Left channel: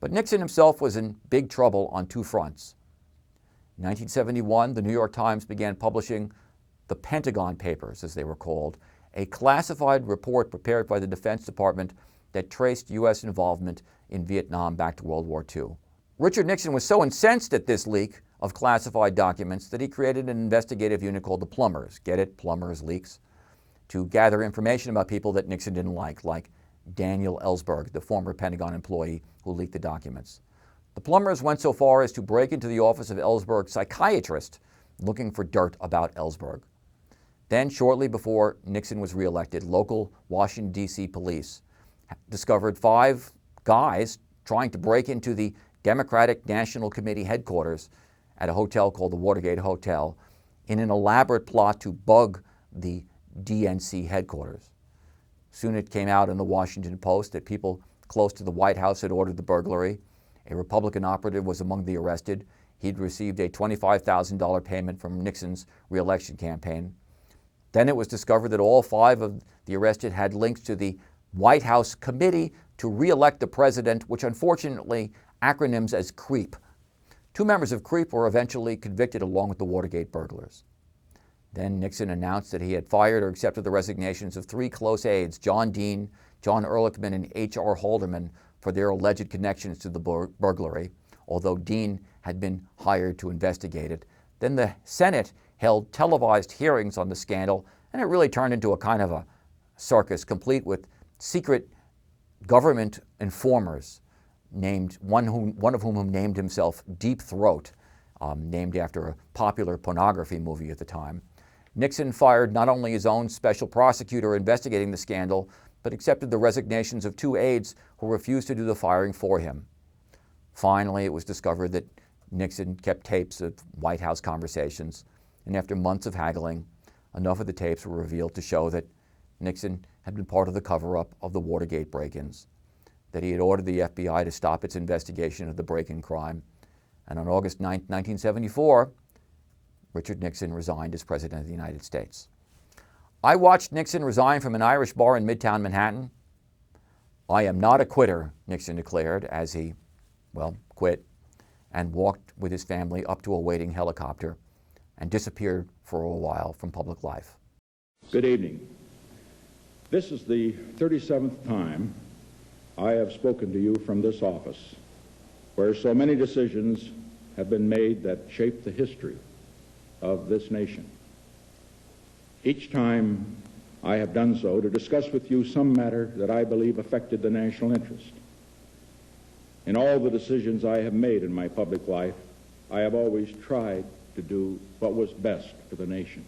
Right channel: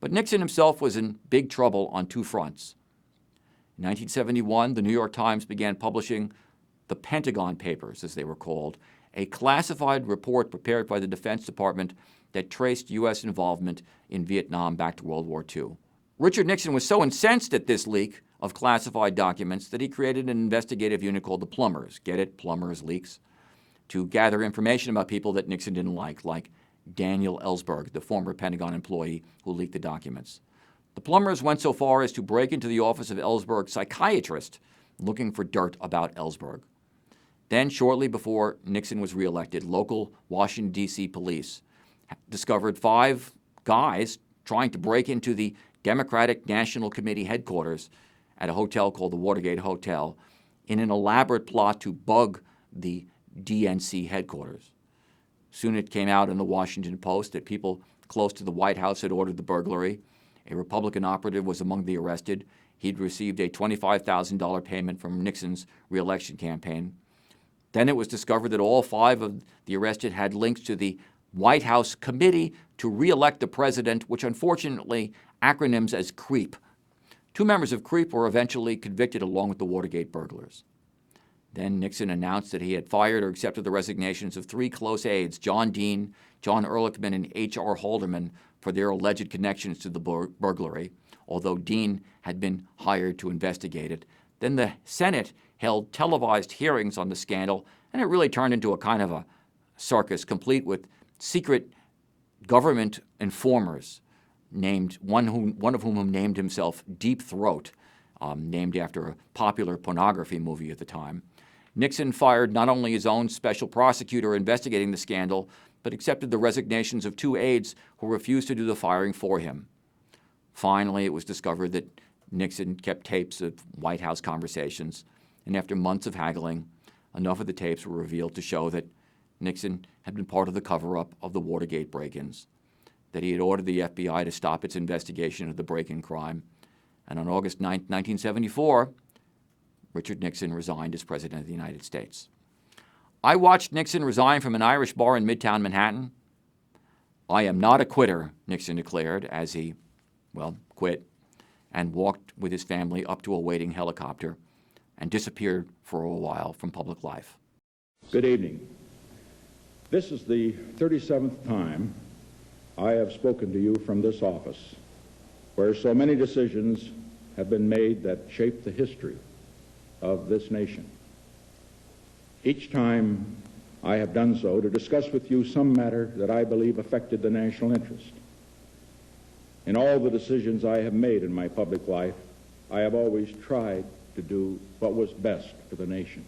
But Nixon himself was in big trouble on two fronts. In 1971, the New York Times began publishing the Pentagon Papers, as they were called, a classified report prepared by the Defense Department that traced U.S. involvement in Vietnam back to World War II. Richard Nixon was so incensed at this leak of classified documents that he created an investigative unit called the Plumbers. Get it? Plumbers, leaks. To gather information about people that Nixon didn't like Daniel Ellsberg, the former Pentagon employee who leaked the documents. The Plumbers went so far as to break into the office of Ellsberg's psychiatrist looking for dirt about Ellsberg. Then, shortly before Nixon was reelected, local Washington, D.C. police discovered 5 guys trying to break into the Democratic National Committee headquarters at a hotel called the Watergate Hotel in an elaborate plot to bug the DNC headquarters. Soon it came out in the Washington Post that people close to the White House had ordered the burglary. A Republican operative was among the arrested. He'd received a $25,000 payment from Nixon's reelection campaign. Then it was discovered that all 5 of the arrested had links to the White House Committee to re-elect the president, which unfortunately acronyms as CREEP. 2 members of CREEP were eventually convicted along with the Watergate burglars. Then Nixon announced that he had fired or accepted the resignations of 3 close aides, John Dean, John Ehrlichman, and H.R. Haldeman, for their alleged connections to the burglary, although Dean had been hired to investigate it. Then the Senate held televised hearings on the scandal, and it really turned into a kind of a circus, complete with secret government informers, named one of whom named himself Deep Throat, named after a popular pornography movie at the time. Nixon fired not only his own special prosecutor investigating the scandal, but accepted the resignations of 2 aides who refused to do the firing for him. Finally, it was discovered that Nixon kept tapes of White House conversations, and after months of haggling, enough of the tapes were revealed to show that Nixon had been part of the cover-up of the Watergate break-ins, that he had ordered the FBI to stop its investigation of the break-in crime, and on August 9, 1974, Richard Nixon resigned as President of the United States. I watched Nixon resign from an Irish bar in Midtown Manhattan. I am not a quitter, Nixon declared as he, quit and walked with his family up to a waiting helicopter and disappeared for a while from public life. Good evening. This is the 37th time I have spoken to you from this office, where so many decisions have been made that shape the history of this nation. Each time I have done so to discuss with you some matter that I believe affected the national interest. In all the decisions I have made in my public life, I have always tried to do what was best for the nation.